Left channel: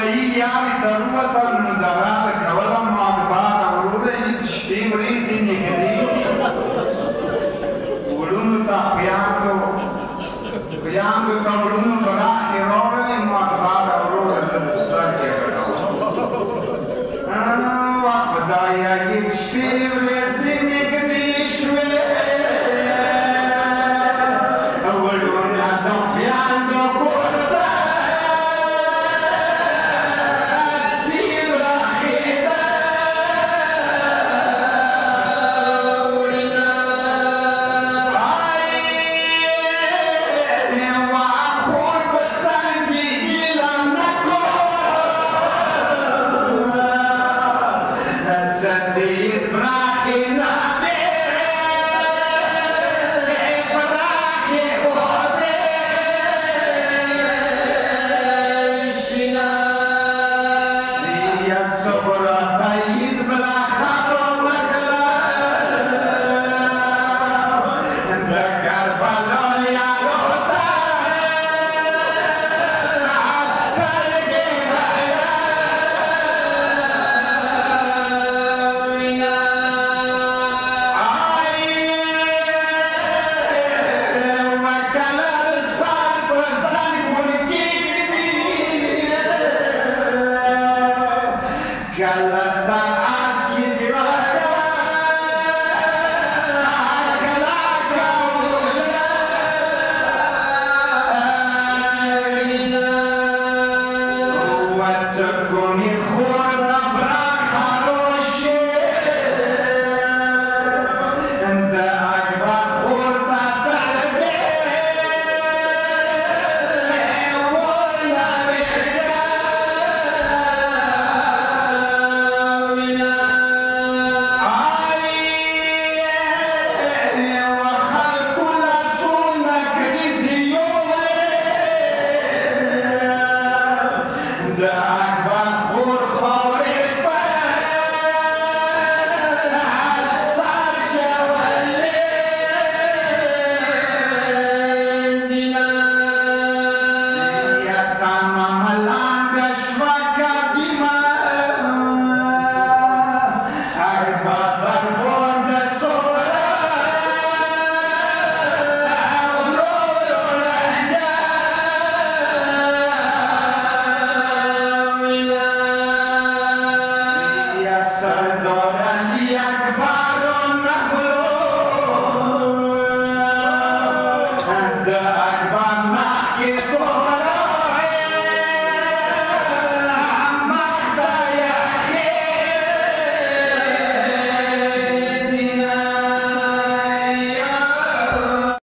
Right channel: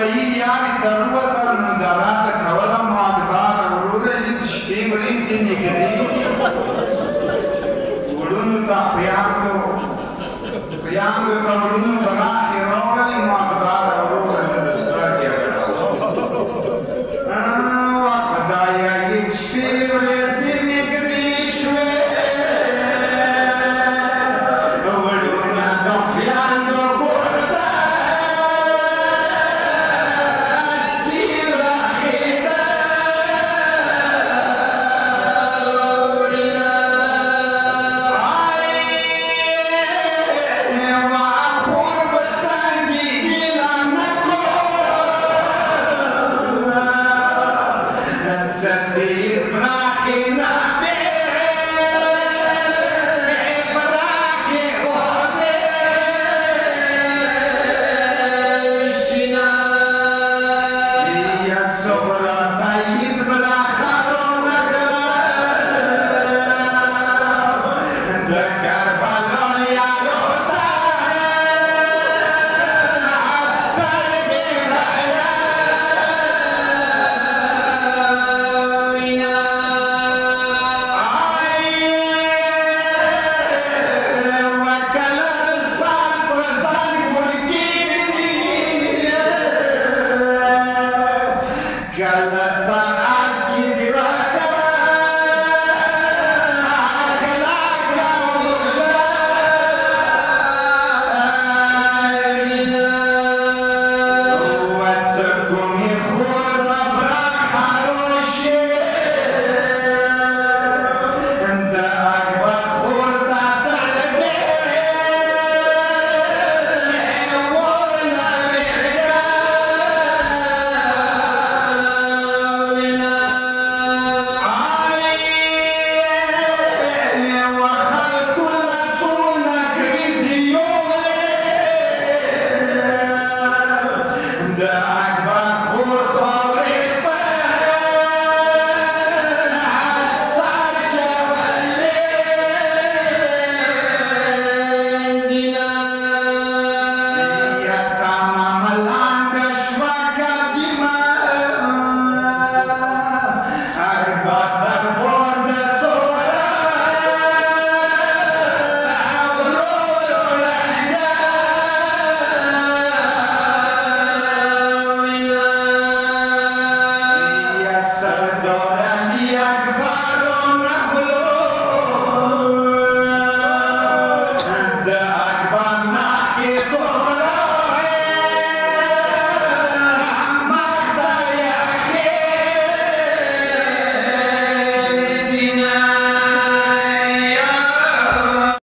ولایی یاری تروتل من دارال کولا مادبار اوروده ایت شپیم ریزی نگدی ولونو تا خیاندو تا ولونو براخی رولی مادبار اوروده دستار گرد خدایا ایت شپیم ریزی نگدی شوی ولونو تا خیاندو Yeah.